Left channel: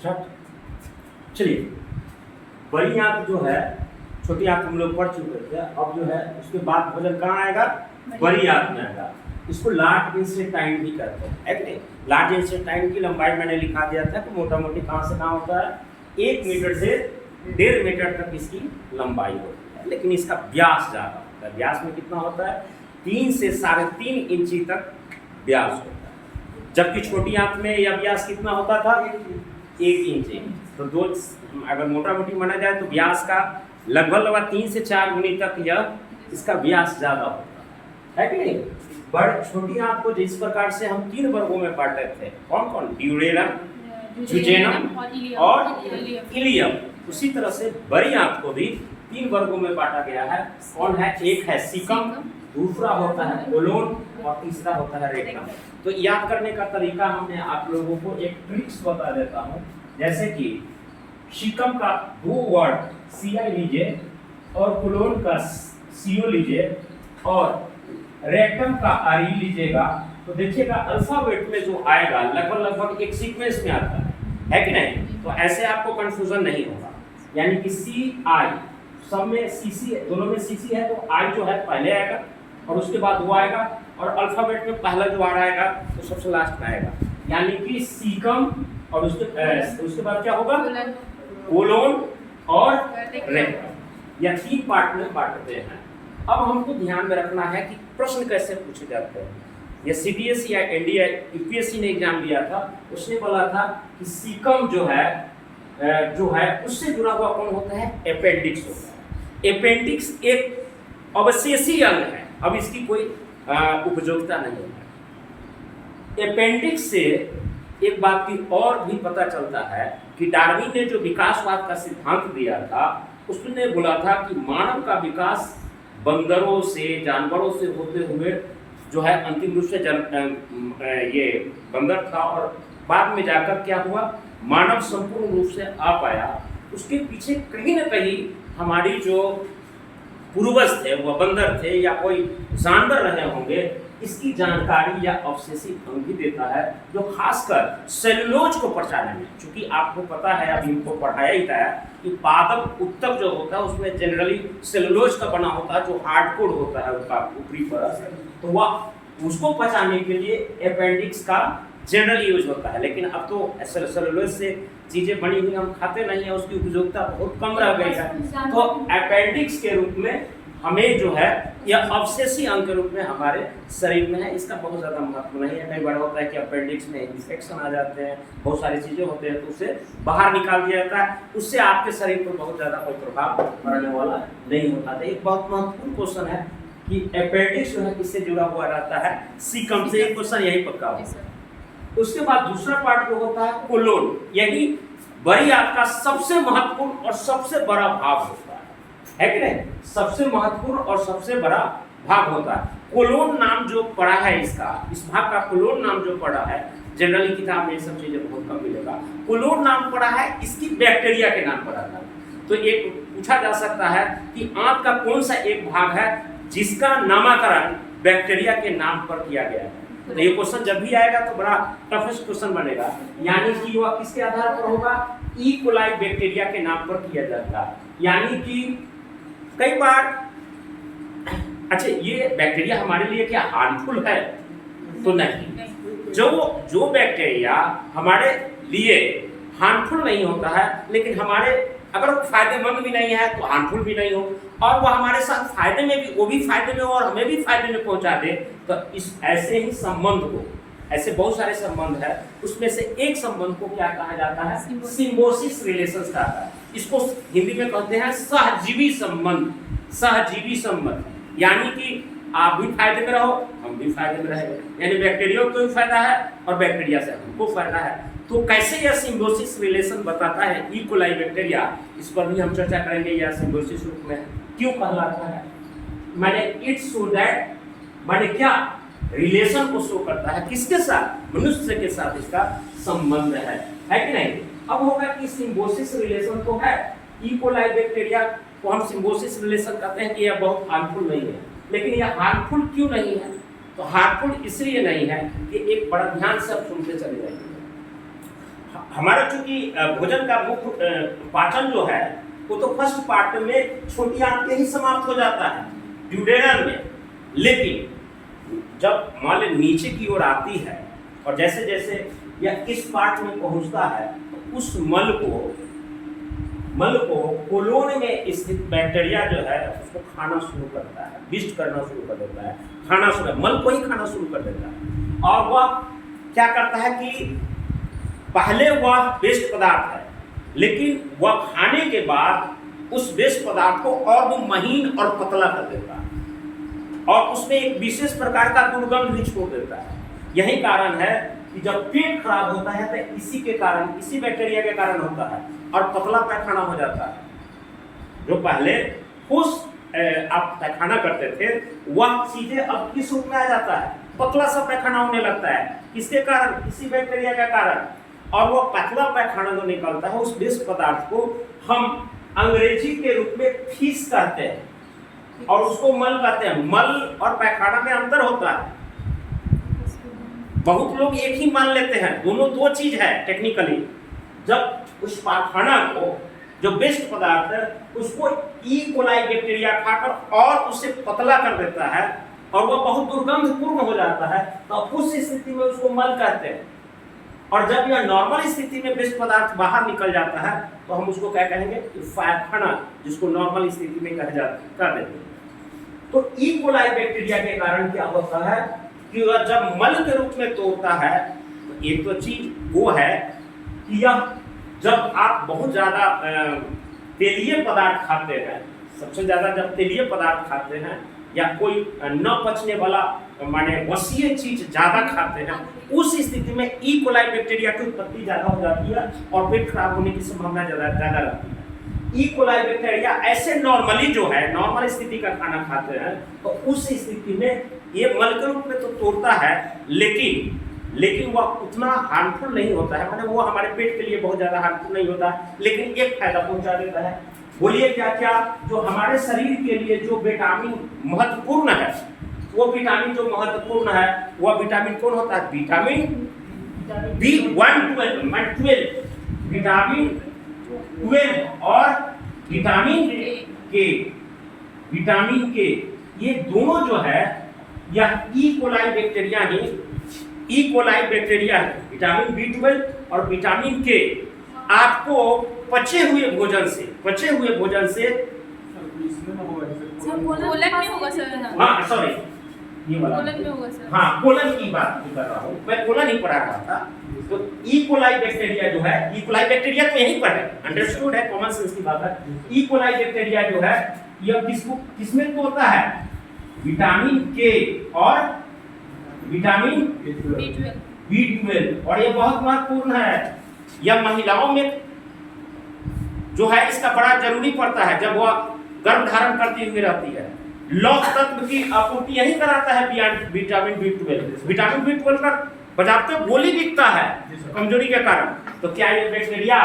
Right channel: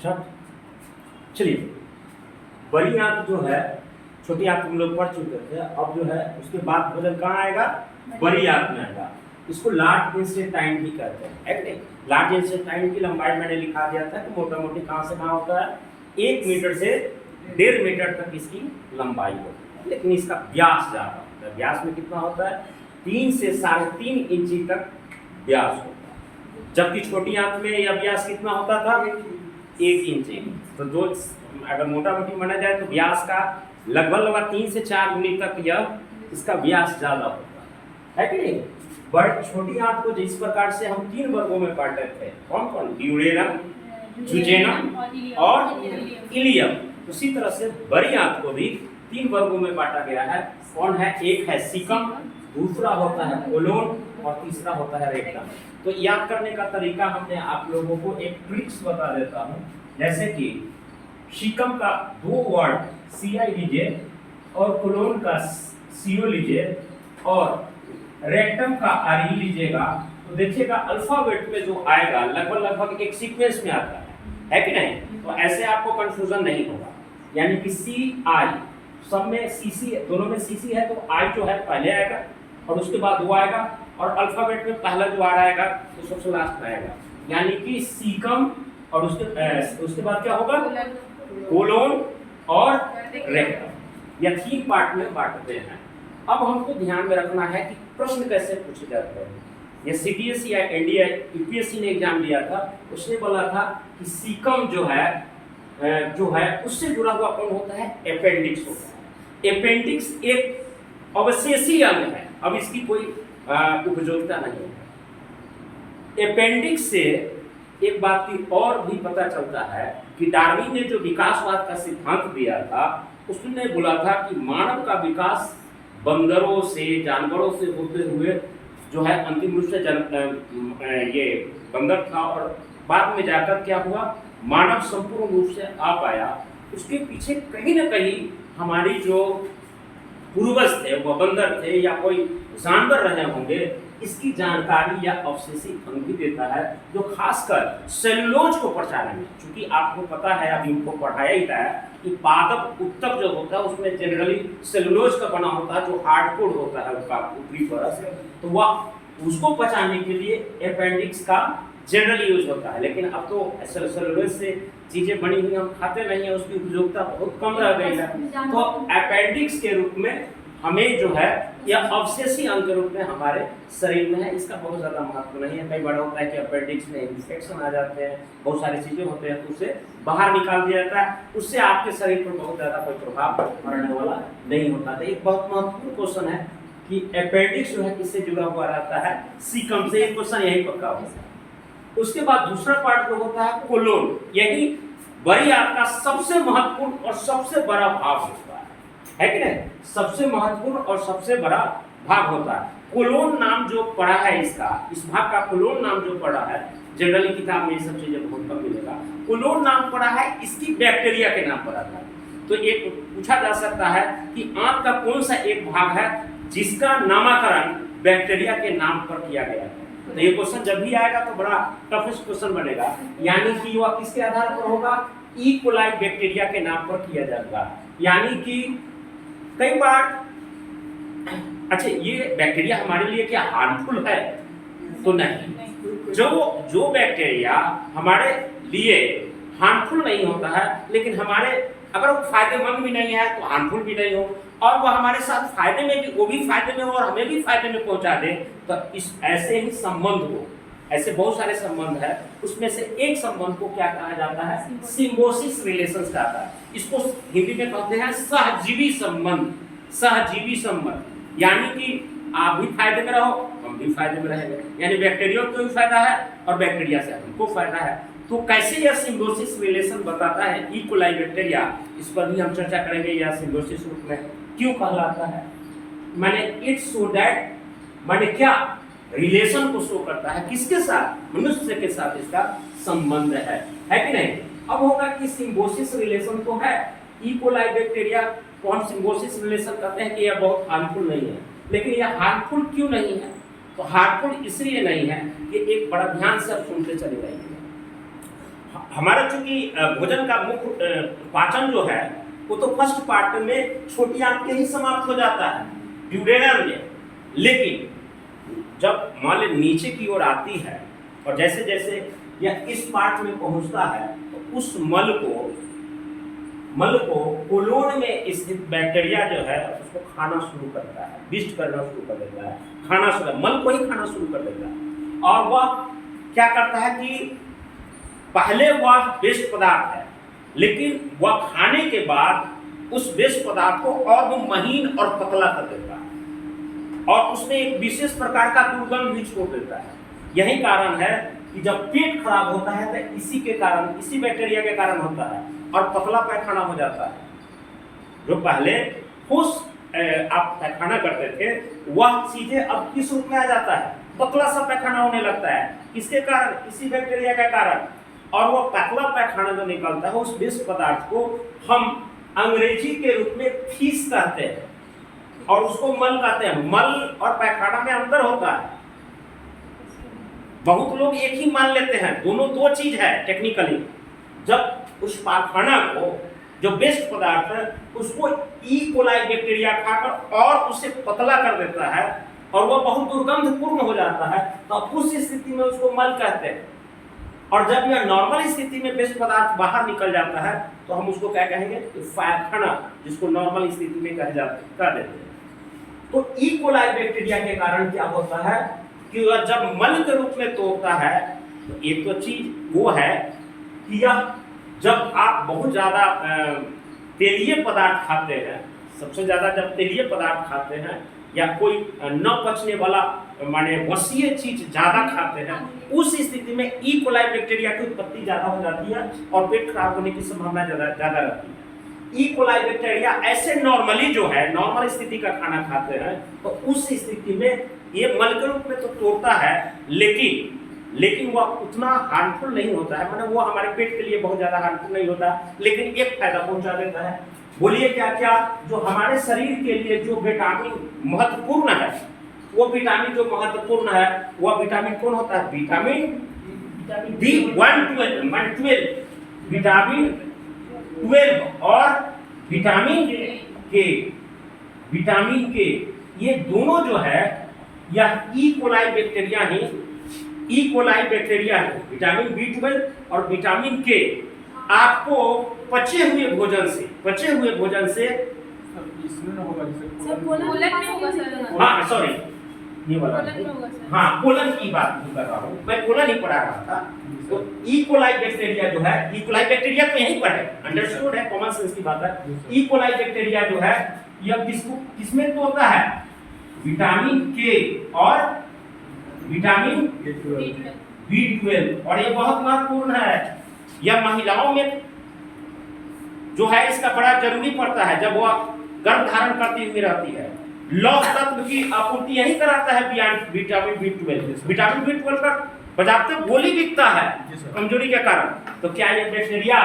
Start. चलिए, बड़ी आंत जो है, छोटी आंत हम लोग पढ़ चुके थे, अब जो है उसके बाद भोजन कहाँ आएगा? बड़ी आंत में आएगा। इसको लार्ज इंटेस्टाइन भी कहते हैं, है कि नहीं? लार्ज इंटेस्टाइन की लंबाई मैंने लिखा दिया था कि मोटा मोटी कहाँ से कहाँ होता है, 1 मीटर से 1.5 मीटर तक इसकी लंबाई होती है, लेकिन इसका व्यास ज़्यादा होता है। व्यास में कितना होता है? 3 से 3.5 इंची तक व्यास होता है, जबकि छोटी आंत में यह व्यास कितना होता था? 1 इंची। तो दो, अगर मोटा मोटी माना जाए तो व्यास का लगभग 3 से 4 गुनी तक यह इसका व्यास ज़्यादा होता है कि नहीं? बट छोटी आंत को जिस प्रकार से हम 3 वर्गों में बांटे थे, कौन कौन? ड्यूरेरम, जुजेनम और इलियम। उसी तरह से बड़ी आंत को भी 3 वर्गों में बांटा गया है। कौन है? एक है सीकम, दूसरा होता है कोलोन और तीसरा होता है रेक्टम। तो याद करने का तरीका हमने आप लोगों को एक ट्रिक्स बता देता हूँ। जैसे कि सीकम का 2 वर्ड CI लीजिए और कोलोन का CO लीजिए और रेक्टम का RE लीजिएगा, तो देखिएगा अल्फाबेट में जो आएगा लगभग एक सीक्वेंस में आता है कि नहीं? तो ऐसे आपको कंफ्यूजन नहीं होगा। यानी कि CI सब में CC, दोनों में CC है, तो I जो है पहले आएगा और उसके बाद वो आएगा, और अल्फाबेट में पहला जो आ रहेगा तो सबसे लास्ट में आएगा। यानी कि सीकम और उसके बाद क्या होगा? कोलोन और रेक्टम। या 3 पार्ट में बांटते हैं। अब हमको ध्यान में रखना है कि प्रश्न कैसे पूछे जाते हैं। ये CBSE या NDA UPSC ने एग्जाम दिया था, उसने बोला था कि सीकम जो है उससे जुड़ा हुआ कौन होता है? अपेंडिक्स होता है। अपेंडिक्स एक अवशेषी अंग है, अब इसकी कोई उपयोगिता नहीं है। अपेंडिक्स से एक बात की और भी पता चलता है कि डार्विन ने जो विकासवाद का सिद्धांत दिया था, उसने बोला था कि मानव का विकास बंदरों से, जानवरों से होते हुए जो है अंतिम रूप से ये बंदर था, और बाद में जाकर क्या हुआ? मानव संपूर्ण रूप से आ पाया। उसके पीछे कहीं ना कहीं हमारी जो पूर्वज थे वो बंदर थे या कोई जानवर रहे होंगे, इसकी जानकारी या अवशेषी अंग भी देता है, जो खासकर सेलुलोज को पहचानने में, क्योंकि आपको पता है, अभी उनको पढ़ाया ही था कि पादप उत्तक जो होता है उसमें जनरली सेलुलोज का बना होता है, जो हार्डकोर होता है उसका ऊपरी परत, तो वह उसको पहचानने के लिए अपेंडिक्स का जनरल यूज होता है। लेकिन अब तो सेलुलोज से चीजें बनी हुई हम खाते नहीं है, उसकी उपयोगिता बहुत कम रह गई है। तो अपेंडिक्स के रूप में हमें जो है यह अवशेषी अंग के रूप में हमारे शरीर में है। इसका बहुत ज़्यादा महत्व नहीं है। कई बार होता है कि अपेंडिक्स में इन्फेक्शन आ जाते हैं, बहुत सारी चीज़ें होते हैं, तो उसे बाहर निकाल दिया जाता है, उससे आपके शरीर पर बहुत ज़्यादा कोई प्रभाव पड़ने वाला नहीं होता। तो एक बहुत महत्वपूर्ण क्वेश्चन है कि अपेंडिक्स जो है किससे जुड़ा हुआ रहता है? सीकम से। एक क्वेश्चन यही पक्का होगा। उसके बाद दूसरा पार्ट जो होता है कोलोन, यही बड़ी आंत का सबसे महत्वपूर्ण और सबसे बड़ा भाग होता है कि नहीं? सबसे महत्वपूर्ण और सबसे बड़ा भाग होता है। कोलोन नाम जो पड़ा है इसका, इस भाग का कोलोन नाम जो पड़ा है, जनरली किताब में ये सब चीजें बहुत कम मिलेगा। कोलोन नाम पड़ा है, इसकी बैक्टीरिया के नाम पड़ा था। तो एक पूछा जा सकता है कि आंत का कौन सा एक भाग है जिसका नामकरण बैक्टीरिया के नाम पर किया गया है? तो ये क्वेश्चन जब भी आएगा तो बड़ा टफेस्ट क्वेश्चन बनेगा। यानी कि वह किसके आधार पर होगा? ई कोलाई बैक्टीरिया के नाम पर किया जाएगा। यानी कि कई बार, अच्छा, ये बैक्टीरिया हमारे लिए क्या हार्मफुल है? तो नहीं। जो बैक्टीरिया हमारे लिए हार्मफुल नहीं होता है, लेकिन हमारे अगर वो फायदेमंद भी नहीं है तो हार्मफुल भी नहीं हो, और वह हमारे साथ फायदे में भी, वो भी फायदे में हो और हमें भी फायदे में पहुंचा दे, तो इस ऐसे ही संबंध को, ऐसे बहुत सारे संबंध है, उसमें से एक संबंध को क्या कहा जाता है? सिम्बोसिस रिलेशंस कहता है। इसको हिंदी में कहते हैं सहजीवी संबंध। सहजीवी संबंध यानी कि आप भी फायदे में रहो, हम भी फायदे में रहेंगे, यानी बैक्टीरिया को भी फायदा है और बैक्टीरिया से हमको फायदा है। तो कैसे यह सिम्बोसिस रिलेशन बताता है ई कोलाई बैक्टीरिया, इस पर भी हम चर्चा करेंगे। यह सिम्बोसिस रूप में क्यों कहलाता है, माने इट सो दैट, माने क्या रिलेशन को शो करता है, किसके साथ? मनुष्य के साथ इसका संबंध है कि नहीं? अब होगा कि सिम्बोसिस रिलेशन तो है, ई कोलाई बैक्टीरिया को हम सिम्बोसिस रिलेशन कहते हैं कि यह बहुत हार्मफुल नहीं है। लेकिन यह हार्मफुल क्यों नहीं है? तो हार्मफुल इसलिए नहीं है कि एक बड़ा ध्यान से आप सुनते चले जाइए। हमारा चूंकि भोजन का मुख्य पाचन जो है वो तो फर्स्ट पार्ट में छोटी आंत के ही समाप्त हो जाता है, ड्यूडेनम में। लेकिन जब मान लीजिए नीचे की ओर आती है और जैसे जैसे यह इस पार्ट में पहुंचता है तो उस मल को कोलोन में स्थित बैक्टीरिया जो है उसको खाना शुरू करता है, विष्ट करना शुरू कर देता है, खाना शुरू, मल को ही खाना शुरू कर देता है। और वह क्या करता है कि पहले वह वेस्ट पदार्थ है, लेकिन वह खाने के बाद उस वेस्ट पदार्थ को और वो महीन और पतला कर देता है और उसमें एक विशेष प्रकार का दुर्गंध भी छोड़ देता है। यही कारण है कि जब पेट खराब होता है तो इसी के कारण, इसी बैक्टीरिया के कारण होता है और पतला पैखाना हो जाता है। जो पहले ठोस आप पैखाना करते थे वह सीधे अब किस रूप में आ जाता है, पतला सा पैखाना होने लगता है। किसके कारण? इसी बैक्टीरिया के कारण। और वो पतला पैखाना जो निकलता है उस विष पदार्थ को हम अंग्रेजी के रूप में फीस कहते हैं और उसको मल कहते हैं। मल और पैखाना में अंतर होता है। बहुत लोग एक ही मान लेते हैं, दोनों दो चीज है टेक्निकली। जब उस पैखाना को जो वेस्ट पदार्थ है उसको ई कोलाई बैक्टीरिया खाकर और उसे पतला कर देता है और वह बहुत दुर्गंधपूर्ण हो जाता है तो उस स्थिति में उसको मल कहते हैं। और जब यह नॉर्मल स्थिति में वेस्ट पदार्थ बाहर निकल जाता है तो हम उसको क्या कहेंगे? पैखाना, जिसको नॉर्मल स्थिति में कह देते हैं। तो ई कोलाई बैक्टीरिया के कारण क्या होता है कि वह जब मल के रूप में तोड़ता है तो एक तो चीज वो है कि यह जब आप बहुत ज़्यादा तेलीय पदार्थ खाते हैं, सबसे ज़्यादा जब तेलीय पदार्थ खाते हैं या कोई न पचने वाला माने वसीय चीज ज़्यादा खाते हैं, उस स्थिति में ई कोलाई बैक्टीरिया की उत्पत्ति ज़्यादा हो जाती है और पेट खराब होने की संभावना ज़्यादा रहती है। ई कोलाई बैक्टीरिया ऐसे नॉर्मली जो है नॉर्मल स्थिति का खाना खाते हैं तो उस स्थिति में ये मल के रूप में तो तोड़ता है लेकिन वह उतना हार्मफुल नहीं होता है, माने वो हमारे पेट के लिए बहुत ज़्यादा हार्मफुल नहीं होता है, लेकिन एक फायदा पहुंचा देता है। बोलिए क्या क्या? जो हमारे शरीर के लिए जो विटामिन महत्वपूर्ण है, वो विटामिन जो महत्वपूर्ण है वह विटामिन कौन होता है? विटामिन B12, विटामिन 12 और विटामिन के ये दोनों जो है यह ई कोलाई बैक्टीरिया है। विटामिन B12 और विटामिन के आपको पचे हुए भोजन से हाँ सॉरी ये वाला हाँ कोलन की बात कर रहा हूँ मैं, कोलन ही पढ़ा रहा था। तो ई कोलाई बैक्टीरिया जो है, ई कोलाई बैक्टीरिया तो यहीं पर है, अंडरस्टूड है, कॉमन सेंस की बात है। ई कोलाई बैक्टीरिया जो है यह किसमें तोड़ता है? विटामिन के और विटामिन B12 और ये बहुत महत्वपूर्ण है। यह महिलाओं में जो है इसका बड़ा जरूरी पड़ता है जब वह गर्भ धारण करती हुई रहती है। लौह तत्व की आपूर्ति यही कराता है विटामिन B12। विटामिन B12 का बजाते गोली दिखता है कमजोरी के कारण। तो क्या ये बैक्टीरिया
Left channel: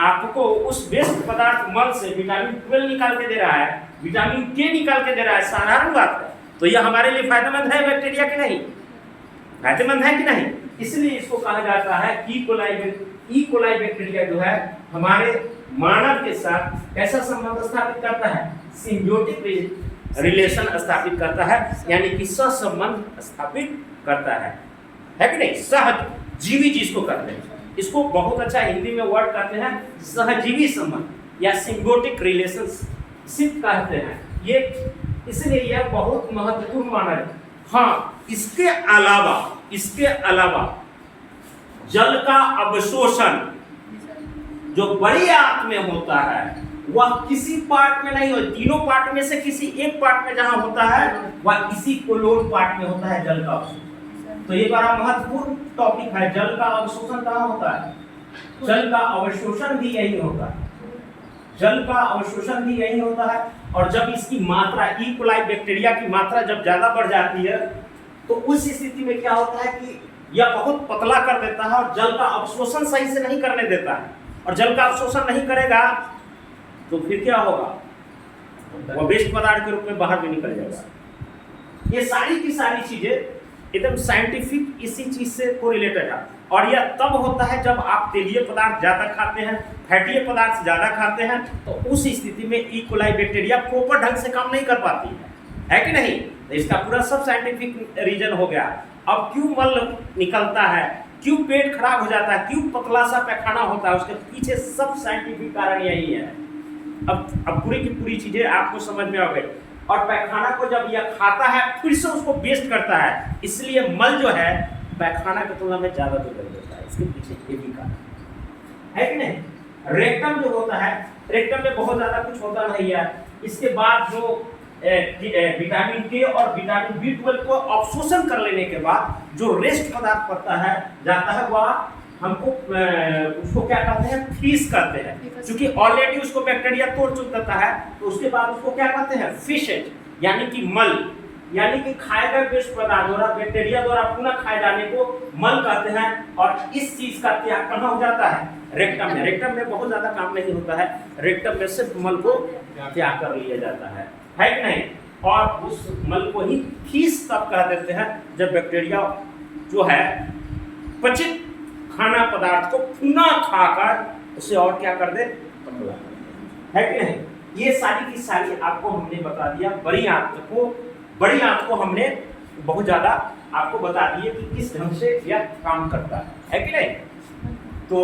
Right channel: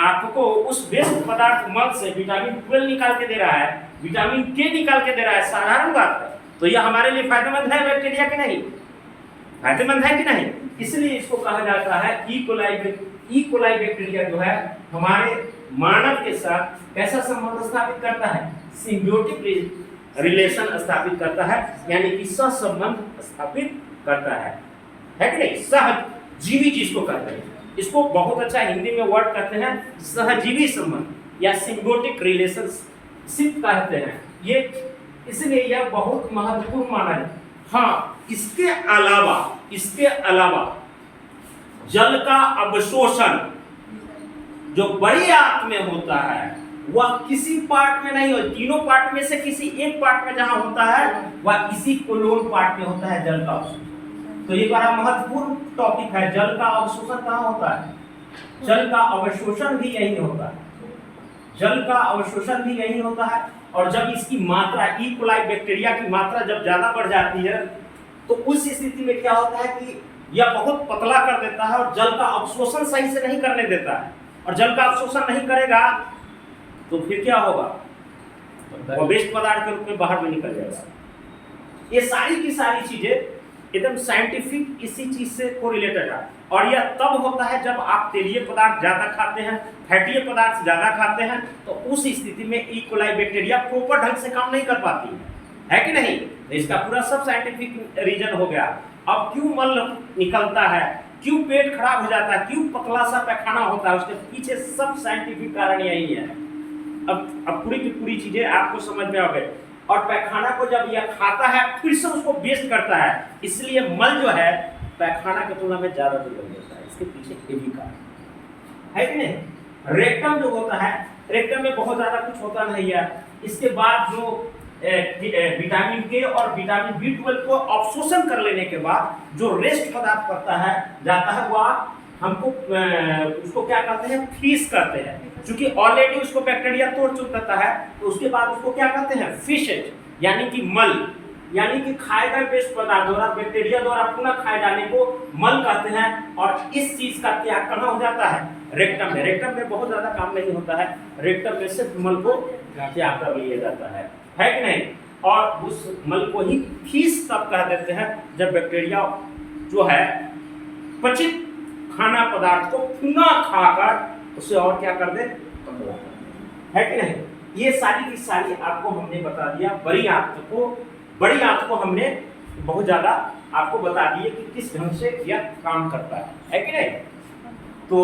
आपको उस वेस्ट पदार्थ मल से विटामिन 12 निकाल के दे रहा है, विटामिन के निकाल के दे रहा है? साधारण बात है। तो यह हमारे लिए फायदेमंद है बैक्टीरिया कि नहीं? फायदेमंद है कि नहीं? इसलिए इसको कहा जाता है ई कोलाई बैक्टीरिया जो है हमारे मानव के साथ कैसा संबंध स्थापित करता है? सिम्बियोटिक रिलेशन स्थापित करता है, यानी कि सहसंबंध स्थापित करता है कि नहीं? सहजीवी जिसको कहते हैं, इसको बहुत अच्छा हिंदी में वर्ड कहते हैं सहजीवी संबंध या सिम्बियोटिक रिलेशनशिप कहते हैं ये, इसलिए यह बहुत महत्वपूर्ण माना है। हाँ, इसके अलावा जल का अवशोषण जो बड़ी आंत में होता है वह किसी पार्ट में नहीं हो, तीनों पार्ट में से किसी एक पार्ट में जहां होता है वह इसी कोलोन पार्ट में होता है जल का अवशोषण। तो ये बड़ा महत्वपूर्ण टॉपिक है। जल का अवशोषण कहाँ होता है? जल का अवशोषण भी यही होता है। जल का अवशोषण भी यही होता है। और जब इसकी मात्रा ई कोलाई बैक्टीरिया की मात्रा जब ज्यादा बढ़ जाती है तो उस स्थिति में क्या होता है कि यह बहुत पतला कर देता है और जल का अवशोषण सही से नहीं करने देता है। और जल का अवशोषण नहीं करेगा तो फिर क्या होगा? वह वेस्ट पदार्थ के रूप में बाहर में निकल जाएगा। ये सारी की सारी चीजें एकदम साइंटिफिक इसी चीज से कोरिलेटेड है। और यह तब होता है जब आप तेलीय पदार्थ ज़्यादा खाते हैं, फैटी पदार्थ ज़्यादा खाते हैं, तो उस स्थिति में ई कोलाई बैक्टीरिया प्रॉपर ढंग से काम नहीं कर पाती है कि नहीं। तो इसका पूरा सब साइंटिफिक रीजन हो गया। अब क्यों मल निकलता है, क्यों पेट खराब हो जाता है, क्यों पतला सा पैखाना होता है, उसके पीछे सब साइंटिफिक कारण यही है। अब पूरी की पूरी चीजें आपको समझ में आ गई। और पैखाना को जब यह खाता है फिर से उसको वेस्ट करता है, इसलिए मल जो है पैखाना की तुलना में ज्यादा दुर्गंध होता है। इसके पीछे ये भी कारण है कि नहीं। रेक्टम जो होता है, रेक्टम में बहुत ज्यादा कुछ होता नहीं है। इसके बाद जो विटामिन के और विटामिन B12 को अवशोषण कर लेने के बाद जो रेस्ट पदार्थ पड़ता है जाता है, वह हमको उसको क्या कहते हैं, फीस कहते हैं। क्योंकि ऑलरेडी उसको बैक्टीरिया तोड़ चुका है, तो उसके बाद उसको क्या कहते हैं, फिशेज, यानी कि मल, यानी कि खाए गए वेस्ट पदार्थ द्वारा बैक्टीरिया द्वारा पुनः खाए जाने को मल कहते हैं। और इस चीज का त्याग कहाँ हो जाता है, रेक्टम में। रेक्टम में बहुत ज्यादा काम नहीं होता है, रेक्टम में सिर्फ मल को त्याग कर लिया जाता है कि नहीं। और उस मल को ही फीस तब कह देते हैं जब बैक्टीरिया जो है पचित खाना पदार्थ को पुनः खाकर उसे और क्या कर दे, है कि नहीं। ये सारी की सारी आपको हमने बता दिया। बड़ी आंत को हमने बहुत ज्यादा आपको बता दिए कि किस ढंग से यह काम करता है कि नहीं। तो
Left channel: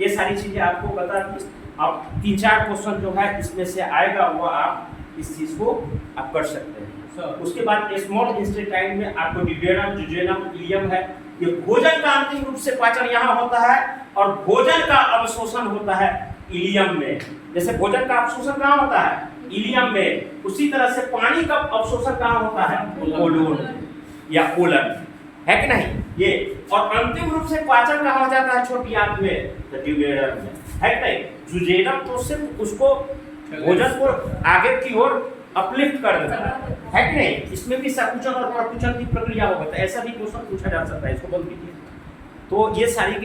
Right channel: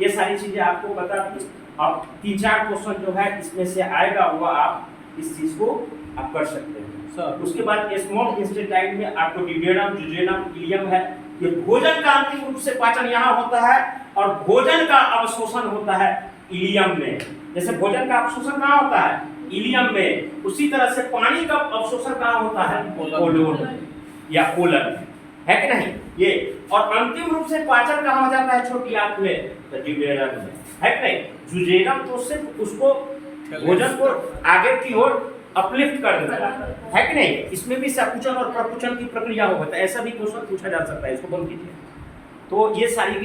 ये सारी चीजें आपको बता दी। अब 3-4 क्वेश्चन जो है इसमें से आएगा, वह आप इस चीज को आप कर सकते हैं। उसके बाद स्मॉल इंटेस्टाइन में आपको डिड्यूरम, जुजेनम, इलियम है। ये भोजन का अंतिम रूप से पाचन यहाँ होता है और भोजन का अवशोषण होता है इलियम में। जैसे भोजन का अवशोषण कहाँ होता है, इलियम में, उसी तरह से पानी का अवशोषण कहाँ होता है, कोलोन या कोलन, है कि नहीं ये। और अंतिम रूप से पाचन कहाँ हो जाता है, छोटी आंत में, तो ड्यूडेनम में, है कि नहीं। जुजेनम तो सिर्फ उसको भोजन को आगे की ओर अपलिफ्ट कर देता है कि नहीं। इसमें भी संकुचन और प्रकुचन की प्रक्रिया होगा, तो ऐसा भी क्वेश्चन पूछा जा सकता है, इसको बंद कीजिए। तो ये सारी की